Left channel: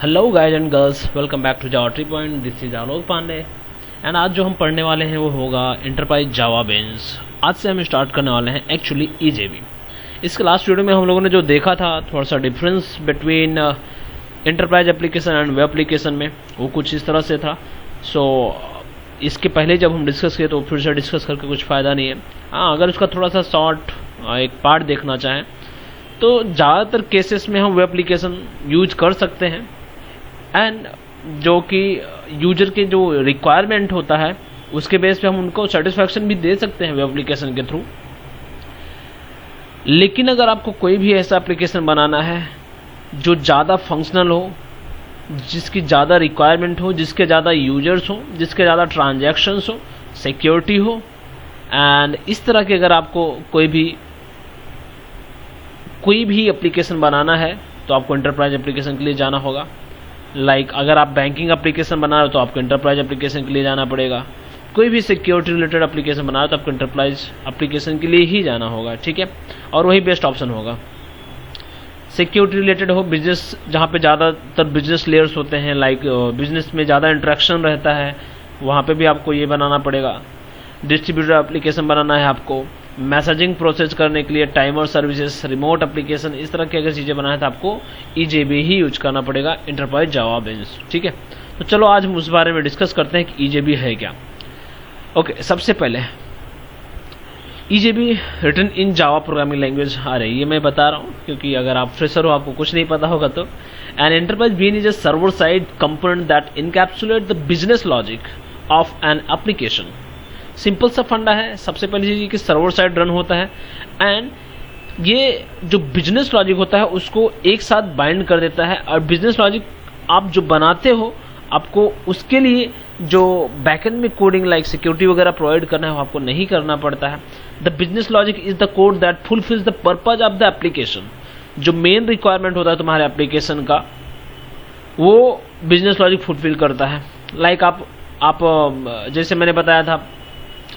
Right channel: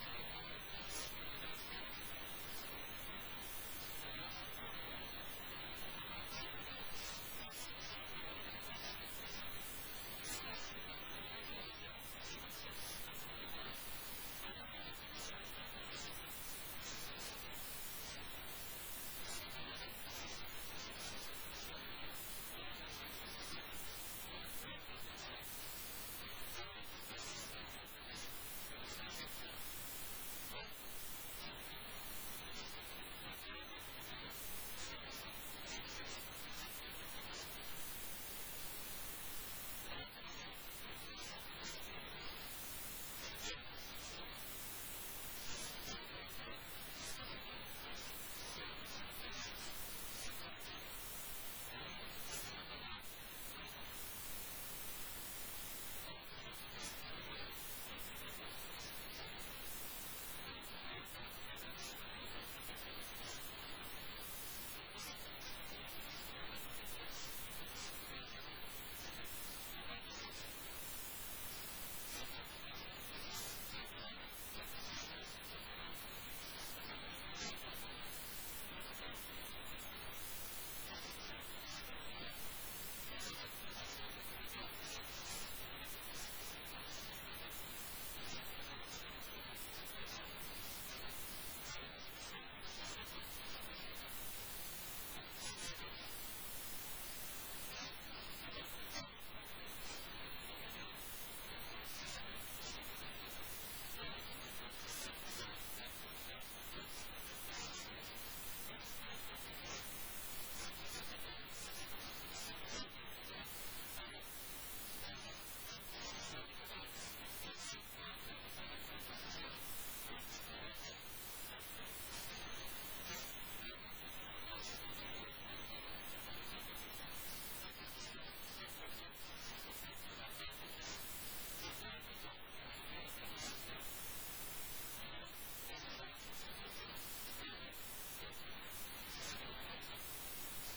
Hello guys and girls, welcome back to Java tree point. This is Alok Pandey and आज जो हम पढ़ने वाले हैं वो होगा एंटरप्राइज जावा बेंस। आज से हम स्टार्ट करने वाले हैं एक्चुअली ईजेबी। इसके लास्ट वीडियो में हम लोगों ने जो देखा था थोड़ा सा difference between enterprise application and web application में, वो कुछ इस तरह से था। सो इसके पहले जब हम डिस्कस किए तो फिर से डिस्कस करके कुछ फ़ायदा नहीं है। हाँ, अगर उसका थोड़ा सा शॉर्ट एक पार्ट देखना चाहें तो ज़्यादातर केसेस में हम वेब एप्लीकेशन यूज कर सकते हैं एंड जो कि यूजर के जो रिक्वायरमेंट होता है उसके बेस पे हम उनको सेटिस्फैक्शन भी दे सकते हैं वेब एप्लीकेशन के थ्रू। लेकिन अगर आपको कोई भी ऐसा एप्लीकेशन बनाना है जो ज़्यादा फंक्शनल हो, जिसकी ज़्यादा रिक्वायरमेंट हो, जिसके ज़्यादा यूजर्स हो, जिसके ज़्यादा ट्रांजैक्शंस हो, सिक्योरिटी हो एंड इस तरह के अगर आपको कोई भी एप्लीकेशन बनाना है तो आपको एंटरप्राइज एप्लीकेशन के लिए जाना होगा। अगर आप बैंकिंग एप्लीकेशन बना रहे हो तो आपको एंटरप्राइज एप्लीकेशन के लिए जाना पड़ेगा। कोई भी सिक्योरिटी रिलेटेड एप्लीकेशन बना रहे हो तो आपको एंटरप्राइज एप्लीकेशन के लिए ही जाना होगा, ठीक है। और वही बेस्ट ऑप्शन होगा। सिक्योरिटी रिलेटेड हो, बिजनेस जहाँ पे ज़्यादातर बिजनेस लेयर्स होते हैं, बिजनेस में ज़्यादा इंटरेक्शन रहता है, वहाँ पे भी आपको ये बनाना पड़ेगा। डिस्ट्रीब्यूटर एप्लीकेशन बनाना है आपको, मैसेजिंग प्रोसेस करने के लिए टाइमर सर्विसेज, रिमोट एप्लीकेशन, इस तरह की अगर चीज़ें बनाए तो आपको ईजेबी ही यूज करना पड़ेगा, एंटरप्राइज जावा बेंस, ठीक है। तो चलो आज हम उस बारे में डिस्कस करते हैं कि ईजेबी है क्या। ओके, सबसे पहले EJB written in Java programming language आ रही है, मैं बता रहा हूँ क्योंकि अगर आप फ्रेशर हो, आपको कुछ नहीं पता होगा तो। An enterprise bean is a server side component that encapsulate the business logic of an application. Simple सा फंडा है। सबसे पहली चीज़ कि सर्वर साइड रन होता है एंड ये जो बिजनेस लॉजिक होता है उसको एक साथ बाइंड कर देता है। और बिजनेस लॉजिक आप जो बनाते हो, आपको उसके लिए जो बैकएंड में कोडिंग लाइक सिक्योरिटी वगैरह प्रोवाइड करना है वो आपको नहीं करना पड़ता है। The business logic is the code that fulfils the purpose of the application. जो मेन रिक्वायरमेंट होता है तुम्हारे एप्लीकेशन का, वो बिजनेस लॉजिक फुलफिल करता है। आप जैसे मैंने बताया था,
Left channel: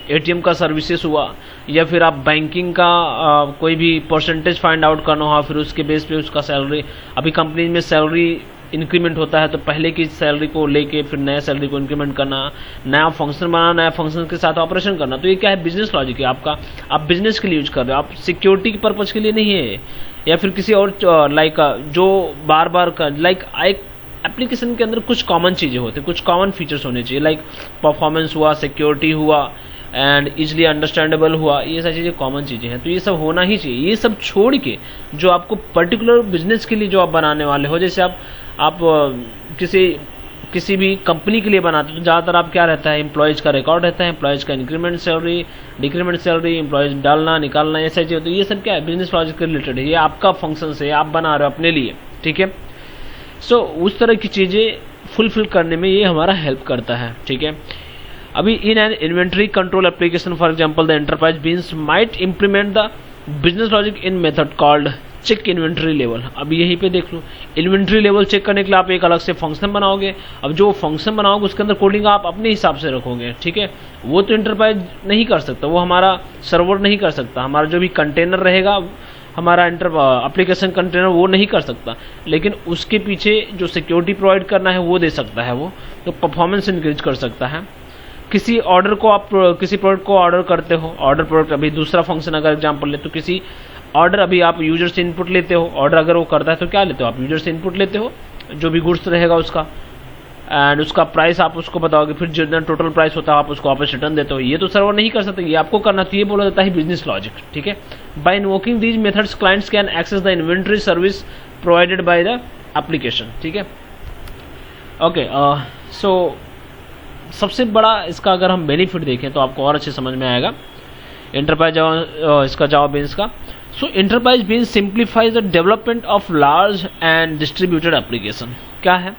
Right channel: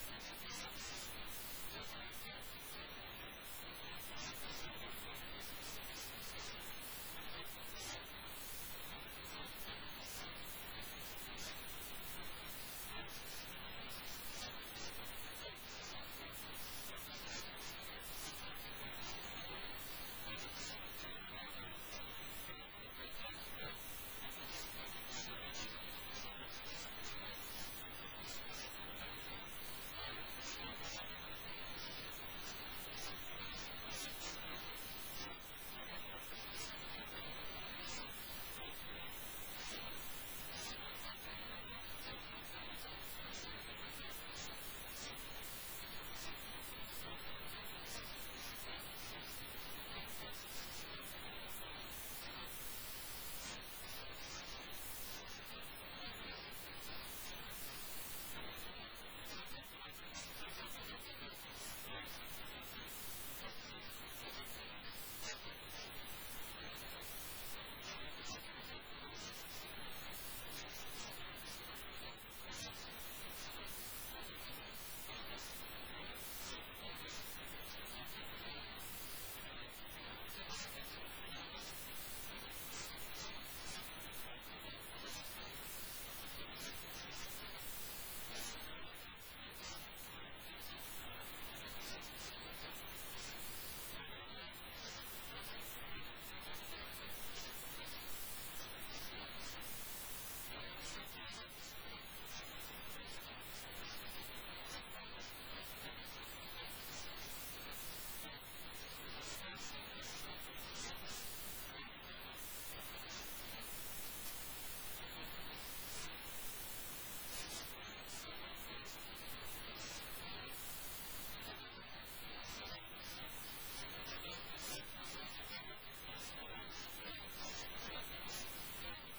एटीएम का सर्विसेज हुआ या फिर आप बैंकिंग का कोई भी परसेंटेज फाइंड आउट करना हुआ, फिर उसके बेस पे उसका सैलरी, अभी कंपनी में सैलरी इंक्रीमेंट होता है तो पहले की सैलरी को लेके फिर नया सैलरी को इंक्रीमेंट करना, नया फंक्शन बनाना, नया फंक्शन के साथ ऑपरेशन करना। तो ये क्या है, बिजनेस लॉजिक है आपका। आप बिजनेस के लिए यूज कर रहे हो, आप सिक्योरिटी के पर्पज के लिए नहीं है या फिर किसी और जो बार बार एक एप्लीकेशन के अंदर कुछ कॉमन चीजें होती है, कुछ कॉमन फीचर्स होने चाहिए, परफॉर्मेंस हुआ, सिक्योरिटी हुआ एंड इजिली अंडरस्टैंडेबल हुआ, ये सारी चीज़ें कॉमन चीज़ें हैं। तो ये सब होना ही चाहिए। ये सब छोड़ के जो आपको पर्टिकुलर बिजनेस के लिए जो आप बनाने वाले हो, जैसे आप किसी भी कंपनी के लिए बनाते हो तो ज़्यादातर आप क्या रहता है, एम्प्लॉयज़ का रिकॉर्ड रहता है, एम्प्लॉयज़ का increment salary, decrement salary, employees डालना निकालना, ये सारी चीज़ें। तो ये सब क्या है, बिजनेस लॉजिक के रिलेटेड है। ये आपका फंक्शन है, आप बना रहे हो अपने लिए, ठीक है। सो उस तरह की चीज़ें फुलफिल करने में ये हमारा हेल्प करता है, ठीक है। अभी in an inventory control application for example the enterprise beans might implement the business logic in method called check inventory level. अब यहीं पे देख लो, इन्वेंट्री लेवल चेक करने के लिए आप एक अलग से फंक्शन बनाओगे। अब जो फंक्शन बनाओगे उसके अंदर कोडिंग आप अपने हिसाब से रखोगे, ठीक है। वो तो एंटरप्राइज नहीं कर सकता, वो हमारा सर्वर नहीं कर सकता, हमारा जो भी कंटेनर रहेगा, हमारा एप्लीकेशन कंटेनर वो नहीं कर सकता। लेकिन उसके पीछे जो सिक्योरिटी प्रोवाइड करना है वो दे सकता है, वो तो परफॉर्मेंस इंक्रीज कर सकता है। किसी ऑर्डर को आप किसी प्रोडक्ट को ऑर्डर करते हो, ऑर्डर प्रोडक्ट, अभी दूसरा फंक्शन अगर एग्जांपल ले तो किसी ऑर्डर, अभी आप यूजर से इनपुट लेते हो, ऑर्डर अगर वो करता है तो क्या लेते हो, आप यूजर से इनपुट लेते हो जो भी गुड्स रहेगा उसका, एंड उसका प्राइस आप उसको बताओगे, फिर जितना टोटल प्राइस होता है आप उसको वापस रिटर्न देते हो। ये तो सर्वर नहीं कर सकता, ये आपको करना, तो ये बोला जाता है बिजनेस लॉजिक, ठीक है। By invoking these methods clients can access the inventory service provided by the application, ठीक है। ओके, सो सबसे बड़ा इसका अगर हम बेनिफिट देखें तो आपको और अच्छे समझ में आएगा एंटरप्राइज इसका जावा बेंस का। So enterprise beans simplifies the development of large and distributed application. क्या है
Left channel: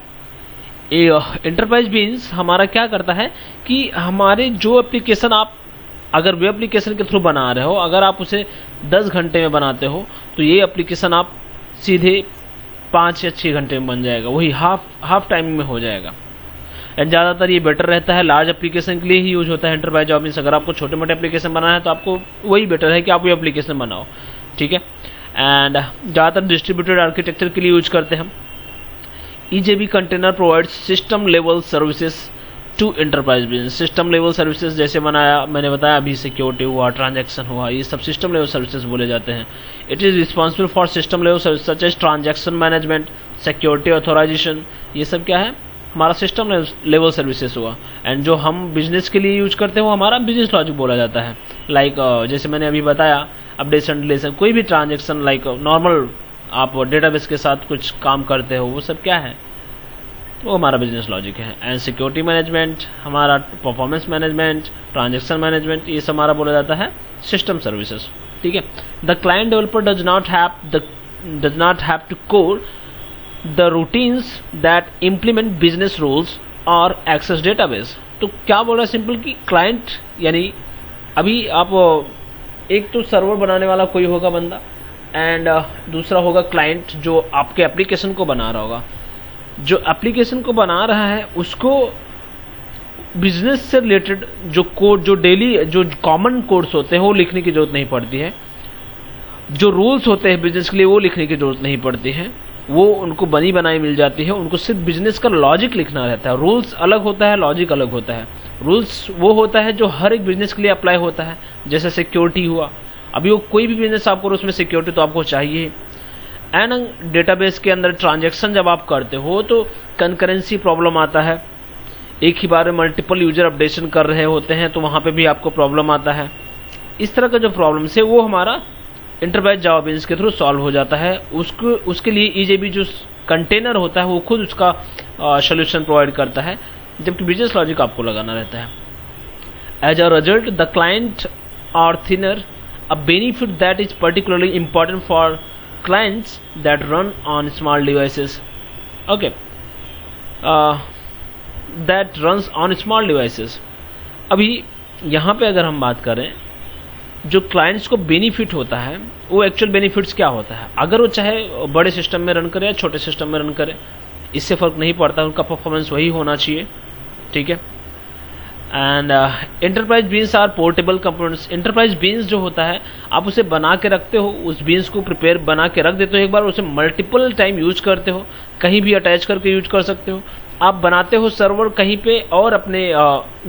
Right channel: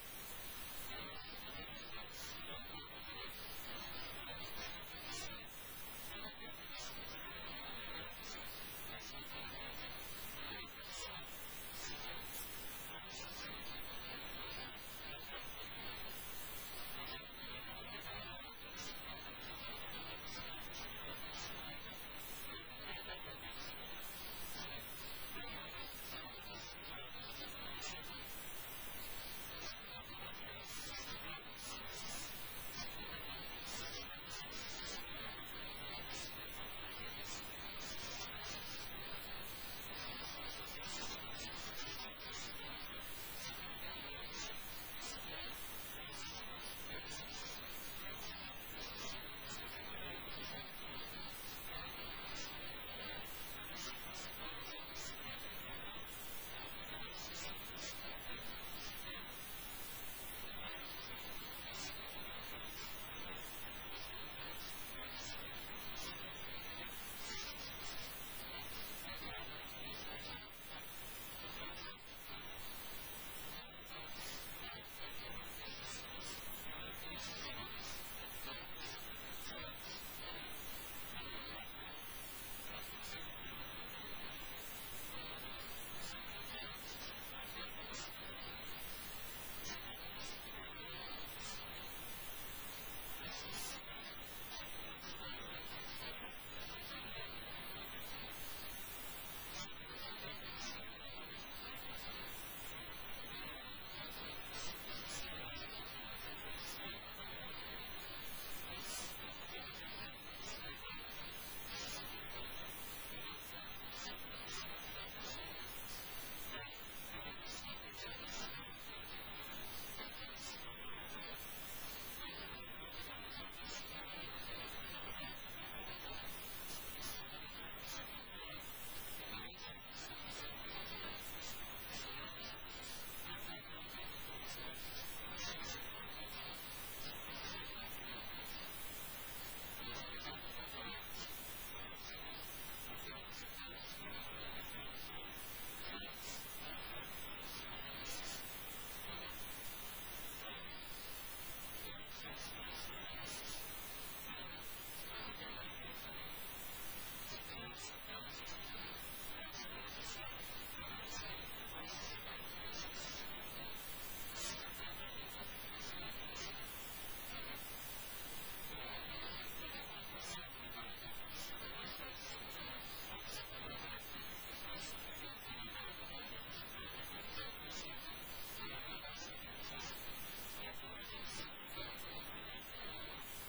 एंटरप्राइज बेंस, हमारा क्या करता है कि हमारे जो एप्लीकेशन आप अगर वेब एप्लीकेशन के थ्रू बना रहे हो, अगर आप उसे 10 घंटे में बनाते हो तो ये एप्लीकेशन आप सीधे 5 या 6 घंटे में बन जाएगा, वही हाफ टाइमिंग में हो जाएगा। एंड ज़्यादातर ये बेटर रहता है, लार्ज एप्लीकेशन के लिए ही यूज होता है एंटरप्राइज जावा बेंस। अगर आपको छोटे मोटे एप्लीकेशन बनाना है तो आपको वही बेटर है कि आप वो एप्लीकेशन बनाओ, ठीक है। एंड ज़्यादातर डिस्ट्रीब्यूटेड आर्किटेक्चर के लिए यूज करते हैं हम। EJB container provides system level services to enterprise business. System level services जैसे मैंने बताया अभी, सिक्योरिटी हुआ, ट्रांजैक्शन हुआ, ये सब सिस्टम लेवल सर्विसेज बोले जाते हैं. It is responsible for system level service such as transaction management, security authorization. ये सब क्या है, हमारा सिस्टम लेवल सर्विसेज हुआ. एंड जो हम बिजनेस के लिए यूज करते हैं वो हमारा बिजनेस लॉजिक बोला जाता है. लाइक जैसे मैंने अभी बताया, अपडेशन डिलेशन, कोई भी ट्रांजेक्शन, लाइक नॉर्मल आप डेटाबेस के साथ कुछ काम करते हो, वो सब क्या है, वो हमारा बिजनेस लॉजिक है. एंड सिक्योरिटी मैनेजमेंट हमारा, परफॉर्मेंस मैनेजमेंट, ट्रांजैक्शन मैनेजमेंट, ये सब हमारा बोला जाता है सिस्टम सर्विसेज. ठीक है. The client developer does not have to code the routines that implement business rules और एक्सेस डेटाबेस. तो क्या बोल रहा है सिंपल कि क्लाइंट, यानी अभी आप एक तो सर्वर बनाने वाला कोई होगा बंदा, एंड दूसरा होगा क्लाइंट जो आपके एप्लीकेशन को बना रहा होगा. जो एप्लीकेशन को बना रहा है उसको बिजनेस से रिलेटेड जो कोड, जो डेली जो कॉमन कोड्स होते हैं वो लिखने की जरूरत नहीं पड़ती है. जो रूल्स होते हैं बिजनेस के लिए वो लिखने की जरूरत नहीं पड़ती है. वो उनको बनी बनाई मिल जाती है. उनको सिर्फ बिजनेस का लॉजिक लिखना रहता है. रूल्स अलग होता है, लॉजिक अलग होता है. रूल्स वो होता है जो हर एक बिजनेस के लिए अप्लाई होता है. जैसे सिक्योरिटी हुआ, अभी वो कोई भी बिजनेस आप करो उसमें सिक्योरिटी तो आपको चाहिए. एंड डेटाबेस के अंदर ट्रांजैक्शन जब आप करते हो तो कंकरेंसी प्रॉब्लम आता है. एक ही बार में मल्टीपल यूजर अपडेशन कर रहे होते हैं तो वहां पे भी आपको प्रॉब्लम आता है. इस तरह का जो प्रॉब्लम है वो हमारा एंटरप्राइज जावा बिजनेस के थ्रू सॉल्व हो जाता है. उसके लिए EJB जो कंटेनर होता है वो खुद उसका सोल्यूशन प्रोवाइड करता है, जबकि बिजनेस लॉजिक आपको लगाना रहता है. As a result the client are thinner a benefit that is particularly important for clients that run on small devices. Okay, that runs on small devices. अभी यहाँ पे अगर हम बात करें, जो क्लाइंट्स को बेनिफिट होता है वो एक्चुअल बेनिफिट्स क्या होता है, अगर वो चाहे बड़े सिस्टम में रन करे या छोटे सिस्टम में रन करे, इससे फर्क नहीं पड़ता, उनका परफॉर्मेंस वही होना चाहिए. ठीक है. And enterprise beans are portable components. Enterprise beans जो होता है आप उसे बना के रखते हो, उस बीन्स को प्रिपेयर बना के रख देते हो, एक बार उसे मल्टीपल टाइम यूज करते हो, कहीं भी अटैच करके यूज कर सकते हो. आप बनाते हो सर्वर कहीं पे और अपने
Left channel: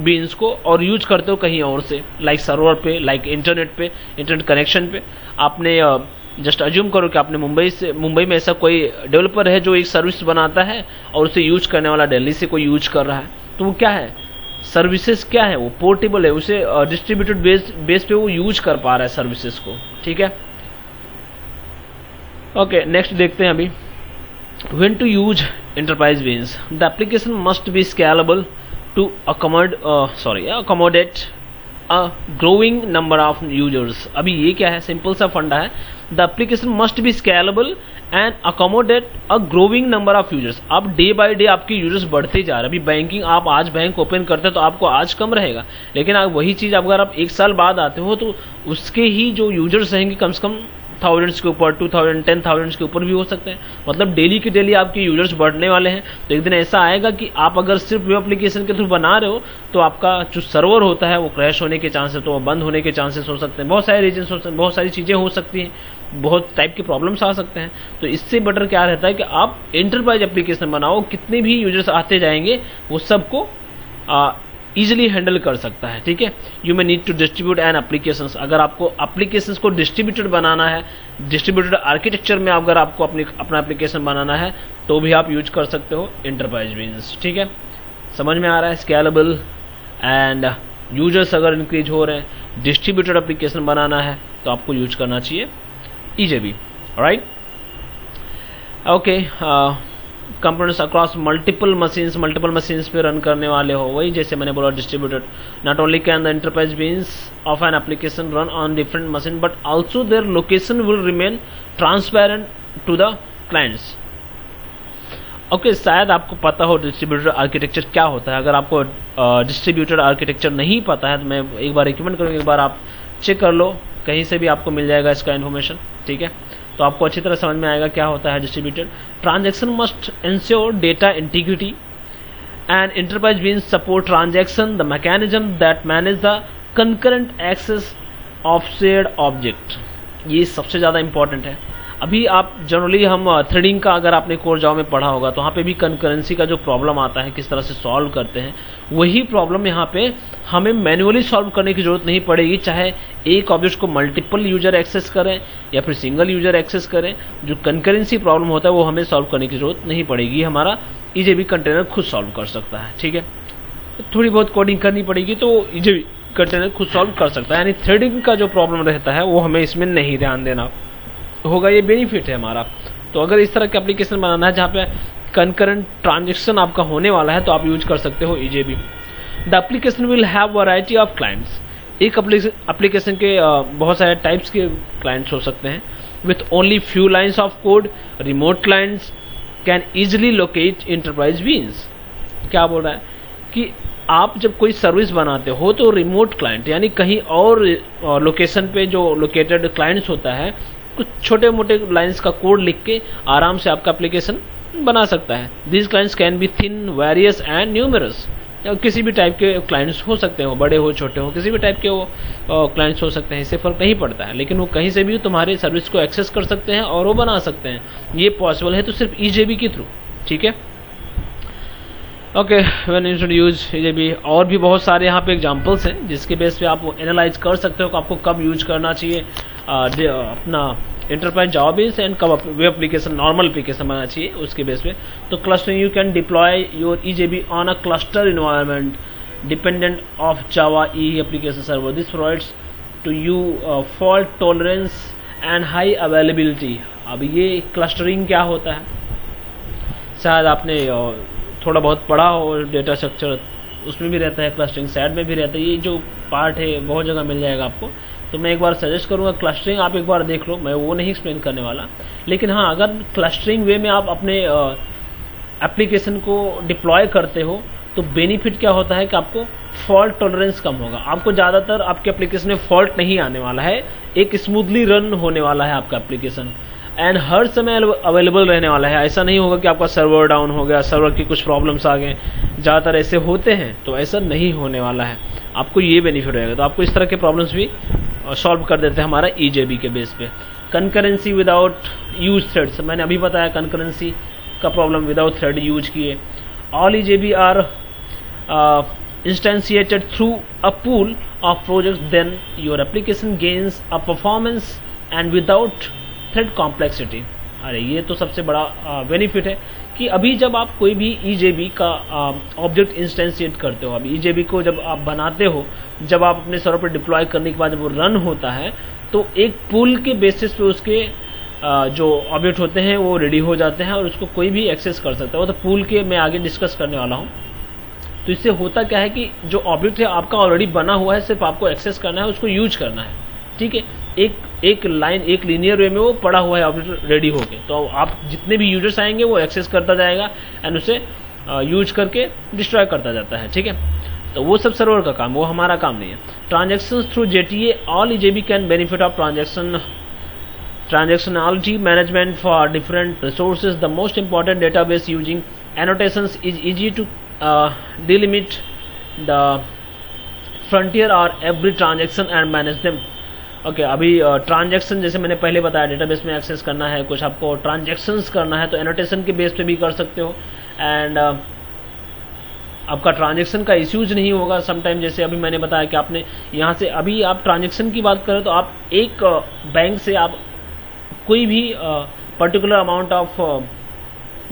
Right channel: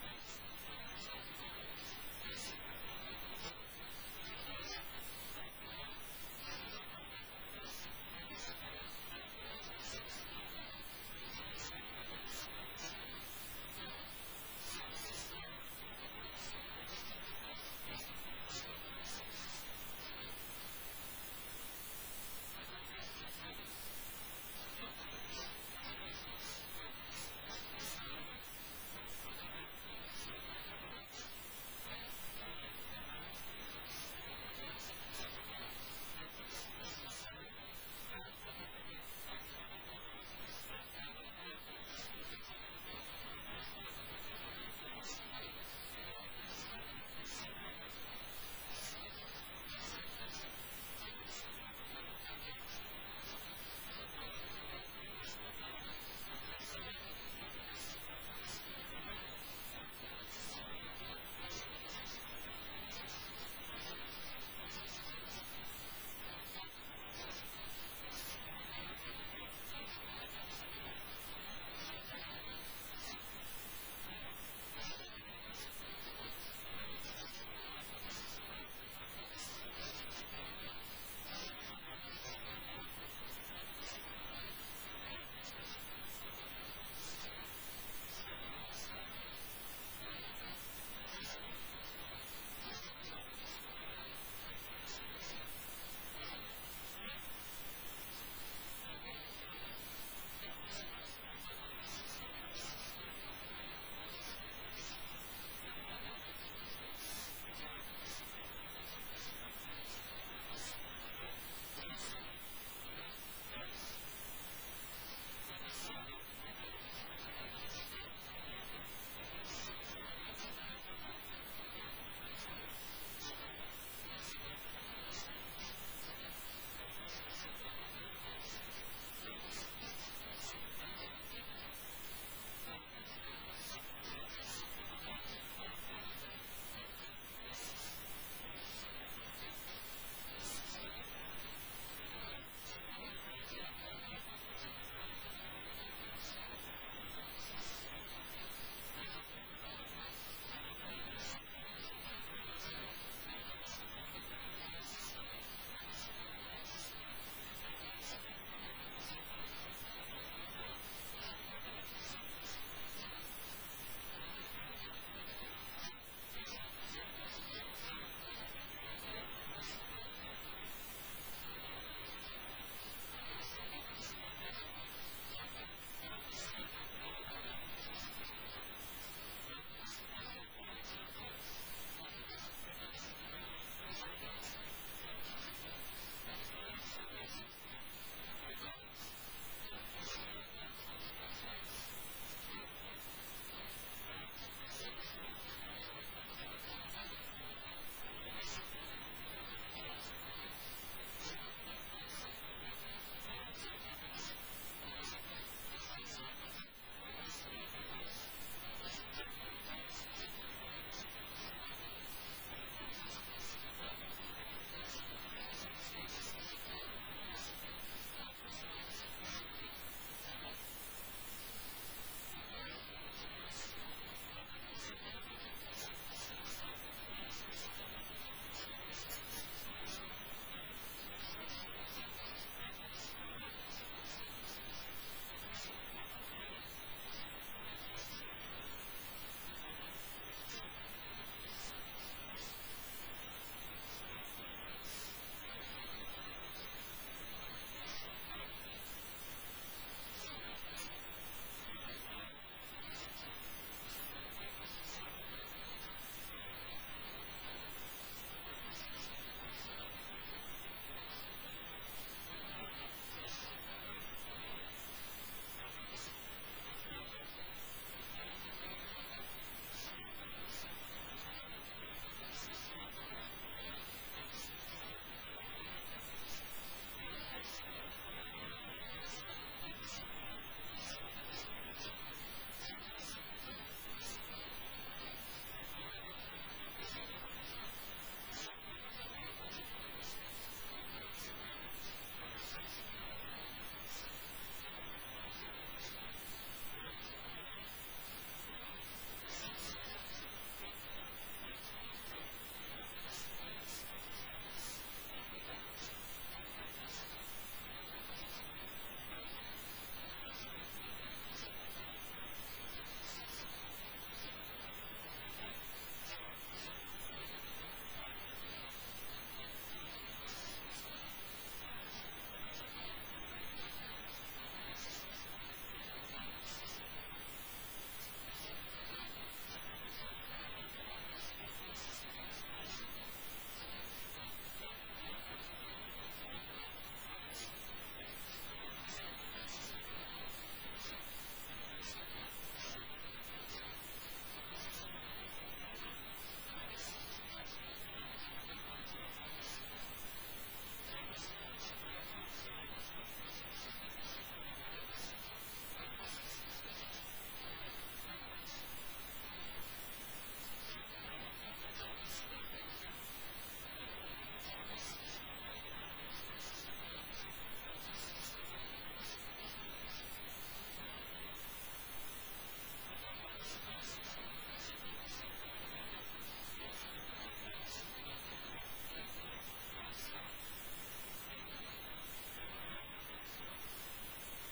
बीन्स को और यूज करते हो कहीं और से, लाइक सर्वर पे, लाइक इंटरनेट पे, इंटरनेट कनेक्शन पे. आपने जस्ट अज्यूम करो कि आपने मुंबई में ऐसा कोई डेवलपर है जो एक सर्विस बनाता है और उसे यूज करने वाला दिल्ली से कोई यूज कर रहा है, तो वो क्या है, सर्विसेज क्या है, वो पोर्टेबल है, उसे डिस्ट्रीब्यूटेड बेस पे वो यूज कर पा रहा है सर्विसेज को. ठीक है. ओके, नेक्स्ट देखते हैं अभी. When to use enterprise beans, the application must be scalable to accommodate a growing number of users. अभी ये क्या है, सिंपल सा फंडा है. The application must be scalable and accommodate a growing number of users. अब डे बाय डे आपके users बढ़ते जा रहे हैं. अभी बैंकिंग, आप आज बैंक ओपन करते हैं तो आपको आज कम रहेगा, लेकिन आप वही चीज अगर आप एक साल बाद आते हो तो उसके ही जो यूजर्स रहेंगे कम से कम थाउजेंड्स के ऊपर, 2000, 10,000 के ऊपर भी हो सकते हैं. मतलब डेली के डेली आपके यूजर्स बढ़ने वाले हैं. तो एक दिन ऐसा आएगा कि आप अगर सिर्फ वेब एप्लीकेशन के थ्रू बना रहे हो तो आपका जो सर्वर होता है वो क्रैश होने के चांसेस, तो बंद होने के चांसेस हो सकते हैं. बहुत सारे रीजन हो सकते हैं, बहुत सारी चीजें हो सकती हैं, बहुत टाइप के प्रॉब्लम्स आ सकते हैं. तो इससे बेटर क्या रहता है कि आप एंटरप्राइज एप्लीकेशन बनाओ, कितने भी यूजर्स आते जाएंगे वो सबको इजिली हैंडल कर सकता है. ठीक है. You may need to distribute an applications. अगर आपको एप्लीकेशंस को डिस्ट्रीब्यूटेड बनाना है, डिस्ट्रीब्यूटेड आर्किटेक्चर में अगर आपको अपना एप्लीकेशन बनाना है तो भी आप यूज कर सकते हो एंटरप्राइज बीन्स. ठीक है. समझ में आ रहा है. स्केलेबल एंड यूजर्स अगर इंक्रीज हो रहे हैं, डिस्ट्रीब्यूटेड एप्लीकेशन बनाना है तो आपको यूज करना चाहिए EJB. Right. Okay. Components across multiple machines पे रन करने वाले हो, वही जैसे मैंने बोला distributed. Not only can the enterprise beans of an application run on different machine but also their location will remain transparent to the clients. Okay, शायद आपको पता हो डिस्ट्रीब्यूटेड आर्किटेक्चर क्या होता है. अगर आपको डिस्ट्रीब्यूटेड आर्किटेक्चर नहीं पता है तो मैं एक बार रिकमेंड करूँगा, एक बार आप चेक कर लो, कहीं से भी आपको मिल जाएगा इसका इन्फॉर्मेशन. ठीक है. तो आपको अच्छी तरह समझ में आएगा क्या होता है distributed. Transaction must ensure data integrity and enterprise beans support transaction the mechanism that manage the concurrent access of shared object. ये सबसे ज्यादा इंपॉर्टेंट है. अभी आप जनरली हम थ्रेडिंग का अगर आपने कोर जावा में पढ़ा होगा तो वहाँ पे भी कंकरेंसी का जो प्रॉब्लम आता है किस तरह से सॉल्व करते हैं, वही प्रॉब्लम यहाँ पे हमें मैन्युअली सॉल्व करने की जरूरत नहीं पड़ेगी, चाहे एक ऑब्जेक्ट को मल्टीपल यूजर एक्सेस करें या फिर सिंगल यूजर एक्सेस करें। जो कंकरेंसी प्रॉब्लम होता है वो हमें सॉल्व करने की जरूरत नहीं पड़ेगी, हमारा ईजेबी कंटेनर खुद सॉल्व कर सकता है। ठीक है, थोड़ी बहुत कोडिंग करनी पड़ेगी तो ईजेबी कंटेनर खुद सॉल्व कर सकता है, यानी थ्रेडिंग का जो प्रॉब्लम रहता है वो हमें इसमें नहीं ध्यान देना होगा। ये बेनिफिट है हमारा। तो अगर इस तरह का एप्लीकेशन बनाना है जहाँ पे कंकरेंट ट्रांजेक्शन आपका होने वाला है तो आप यूज कर सकते हो EJB. The application will have variety of clients. एक एप्लीकेशन के बहुत सारे टाइप्स के क्लाइंट्स हो सकते हैं। With only few lines of code, remote clients can easily locate enterprise beans. क्या बोल रहा है कि आप जब कोई सर्विस बनाते हो तो रिमोट क्लाइंट यानी कहीं और लोकेशन पे जो लोकेटेड क्लाइंट्स होता है, कुछ छोटे मोटे लाइंस का कोड लिख के आराम से आपका एप्लीकेशन बना सकता है। These clients can be thin, various and numerous. किसी भी टाइप के क्लाइंट्स हो सकते हो, बड़े हो छोटे हो, किसी भी टाइप के वो क्लाइंट्स हो सकते हैं, इससे फर्क नहीं पड़ता है। लेकिन वो कहीं से भी तुम्हारे सर्विस को एक्सेस कर सकते हैं और वो बना सकते हैं। ये पॉसिबल है तो सिर्फ ईजेबी के थ्रू। ठीक है, okay, when you should use EJB. और भी बहुत सारे यहाँ पे एग्जांपल्स हैं जिसके बेस पे आप एनालाइज कर सकते हो कि आपको कब यूज करना चाहिए अपना इंटरप्राइज जावा बेस एंड कब वेब एप्लीकेशन नॉर्मल एप्लीकेशन बनाना चाहिए उसके बेस पे। तो clustering, you can deploy your EJB on a cluster environment dependent of Java E application server. This provides to you fault tolerance and high availability. अब ये clustering क्या होता है, शायद आपने थोड़ा बहुत पढ़ा हो डेटा स्ट्रक्चर, उसमें भी रहता है क्लस्टरिंग, सैड में भी रहता है। ये जो पार्ट है बहुत जगह मिल जाएगा आपको। तो मैं एक बार सजेस्ट करूंगा क्लस्टरिंग आप एक बार देख लो, मैं वो नहीं एक्सप्लेन करने वाला। लेकिन हाँ, अगर क्लस्टरिंग वे में आप अपने एप्लीकेशन को डिप्लॉय करते हो तो बेनिफिट क्या होता है कि आपको फॉल्ट टॉलरेंस कम होगा। आपको ज़्यादातर आपके एप्लीकेशन में फॉल्ट नहीं आने वाला है, एक स्मूथली रन होने वाला है आपका एप्लीकेशन एंड हर समय अवेलेबल रहने वाला है। ऐसा नहीं होगा कि आपका सर्वर डाउन हो गया, सर्वर की कुछ प्रॉब्लम्स आ गए, ज़्यादातर ऐसे होते हैं, तो ऐसा नहीं होने वाला है। आपको ये बेनिफिट रहेगा। तो आपको इस तरह के प्रॉब्लम्स भी सॉल्व कर देते हैं हमारा ईजेबी के बेस पे। कंकरेंसी विदाउट यूज थ्रेड्स, मैंने अभी बताया कंकरेंसी का प्रॉब्लम विदाउट थ्रेड यूज किए। All EJB are instantiated through a pool of projects, then your application gains a performance and without thread complexity. अरे ये तो सबसे बड़ा बेनिफिट है कि अभी जब आप कोई भी ईजेबी का ऑब्जेक्ट इंस्टेंशिएट करते हो, अभी ईजेबी को जब आप बनाते हो, जब आप अपने सर्वर पर डिप्लॉय करने के बाद जब वो रन होता है तो एक पूल के बेसिस पे उसके जो ऑब्जेक्ट होते हैं वो रेडी हो जाते हैं और उसको कोई भी एक्सेस कर सकता है। वो तो पूल के मैं आगे डिस्कस करने वाला हूँ। तो इससे होता क्या है कि जो ऑब्जेक्ट है आपका ऑलरेडी बना हुआ है, सिर्फ आपको एक्सेस करना है, उसको यूज करना है। ठीक है, एक लाइन, एक लीनियर वे में वो पड़ा हुआ है ऑब्जेक्ट रेडी होके, तो आप जितने भी यूजर्स आएंगे वो एक्सेस करता जाएगा एंड उसे यूज करके डिस्ट्रॉय करता जाता है। ठीक है, तो वो सब सर्वर का काम, वो हमारा काम नहीं है। Transaction through JTA, all EJB can benefit of transactionality management for different resources. The most important database using annotations is easy to delimit the frontier or every transaction and manage them. Okay, अभी transaction जैसे मैंने पहले बताया database में access करना है, कुछ आपको ट्रांजैक्शंस करना है तो एनोटेशन के बेस पे भी कर सकते हो एंड आपका ट्रांजैक्शन का इश्यूज नहीं होगा समटाइम। जैसे अभी मैंने बताया कि आपने यहाँ से, अभी आप ट्रांजैक्शन की बात करें तो आप एक बैंक से आप कोई भी पर्टिकुलर अमाउंट ऑफ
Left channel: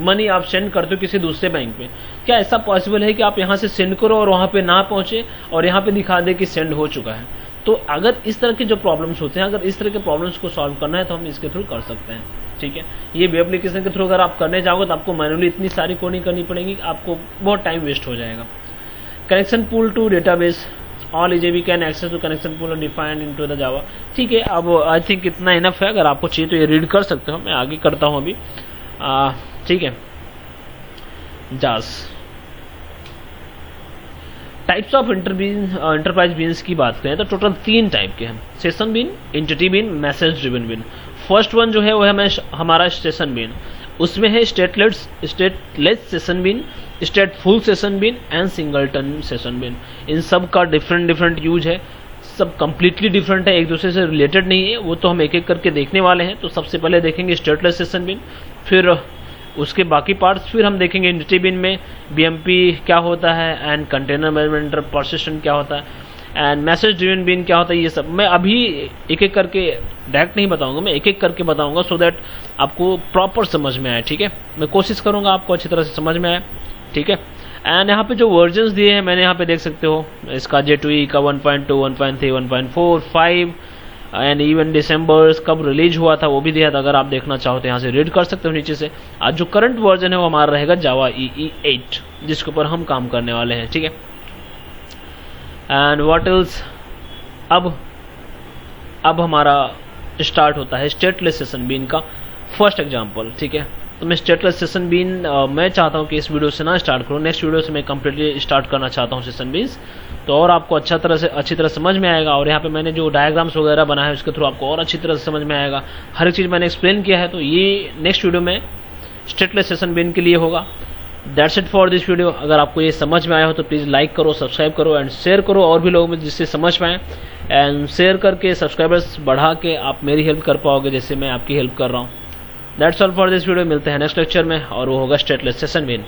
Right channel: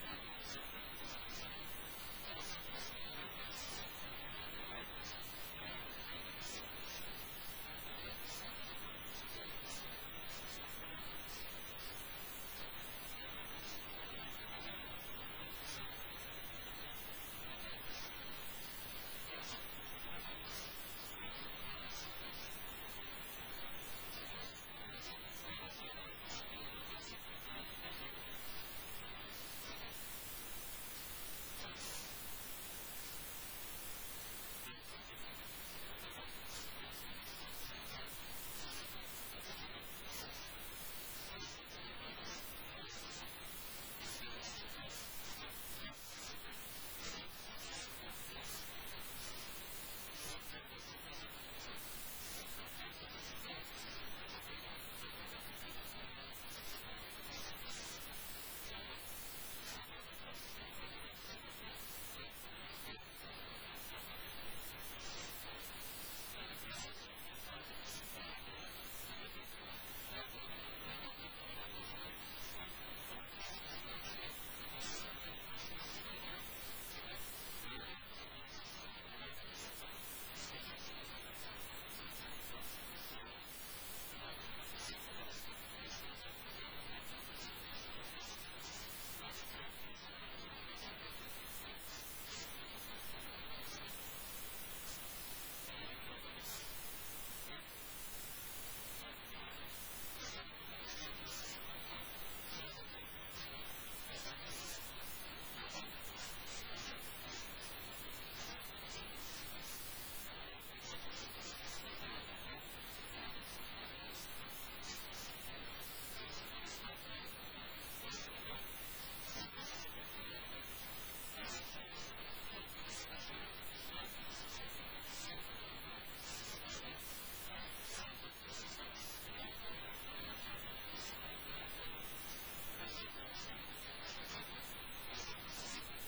मनी आप सेंड करते हो किसी दूसरे बैंक में। क्या ऐसा पॉसिबल है कि आप यहाँ से सेंड करो और वहाँ पे ना पहुँचे और यहाँ पे दिखा दे कि सेंड हो चुका है? तो अगर इस तरह के जो प्रॉब्लम्स होते हैं, अगर इस तरह के प्रॉब्लम्स को सॉल्व करना है तो हम इसके थ्रू कर सकते हैं। ठीक है, ये वेब एप्लीकेशन के थ्रू अगर आप करने जाओगे तो आपको मैनुअली इतनी सारी कोडिंग करनी पड़ेगी, आपको बहुत टाइम वेस्ट हो जाएगा। Connection pool to database, all EJB can access to connection pool defined into the Java. ठीक है, अब आई थिंक इतना इनफ है। अगर आपको चाहिए तो ये रीड कर सकते हो, मैं आगे करता हूँ अभी। ठीक है, जास टाइप्स ऑफ इंटरप्राइज बीन्स की बात करें तो टोटल 3 टाइप के हैं, session bean, entity bean, message driven bean. First one जो है वो है हमारा सेशन बीन, उसमें है stateless session bean, stateful session bean and singleton session bean. इन सब का डिफरेंट यूज है। सब कम्प्लीटली डिफरेंट है, एक दूसरे से रिलेटेड नहीं है, वो तो हम एक एक करके देखने वाले हैं। तो सबसे पहले देखेंगे स्टेटलेस सेशन बिन, फिर उसके बाकी पार्ट्स, फिर हम देखेंगे एंटिटी बिन में बीएमपी क्या होता है एंड कंटेनर मैनेजमेंट पर्सिस्टेंट क्या होता है एंड मैसेज ड्रिवन बिन क्या होता है। ये सब मैं अभी एक एक करके डायरेक्ट नहीं बताऊंगा, मैं एक एक करके बताऊंगा सो दैट आपको प्रॉपर समझ में आए, ठीक है। मैं कोशिश करूंगा आपको अच्छी तरह से समझ में आए, ठीक है। एंड यहाँ पे जो वर्जन्स दिए हैं मैंने यहाँ पे देख सकते हो, इसका J2E का 1.2, 1.3, 1.4, 5 एंड इवन दिसंबर कब रिलीज हुआ था वो भी दिया था। अगर आप देखना चाहो तो यहाँ से रीड कर सकते हो नीचे से। आज जो करंट वर्जन है वो हमारा रहेगा जावा EE 8 जिसके ऊपर हम काम करने वाले हैं, ठीक है। एंड व्हाट एल्स, अब हमारा स्टार्ट होता है स्टेटलेस सेशन बीन का फर्स्ट एग्जांपल, ठीक है। तो मैं स्टेटलेस सेशन बीन मैं चाहता हूँ कि इस वीडियो से ना स्टार्ट करूँ, नेक्स्ट वीडियो से मैं कम्प्लीटली स्टार्ट करना चाहता हूँ सेशन बीन्स, तो और आपको अच्छी तरह समझ में आएगा। और यहाँ पे मैंने जो डायग्राम्स वगैरह बनाया है उसके थ्रू आपको और अच्छी तरह से समझ में आएगा, हर एक चीज़ मैंने एक्सप्लेन किया है। तो ये नेक्स्ट वीडियो में स्टेटलेस सेशन बीन के लिए होगा। That's it for this video. अगर आपको ये समझ में आया हो तो प्लीज़ लाइक करो, सब्सक्राइब करो एंड शेयर करो और भी लोगों में जिससे समझ पाएँ। एंड शेयर करके सब्सक्राइबर्स बढ़ा के आप मेरी हेल्प कर पाओगे जैसे मैं आपकी हेल्प कर रहा हूँ। That's all for this video. मिलते हैं नेक्स्ट लेक्चर में और वो होगा स्टेटलेस सेशन बीन।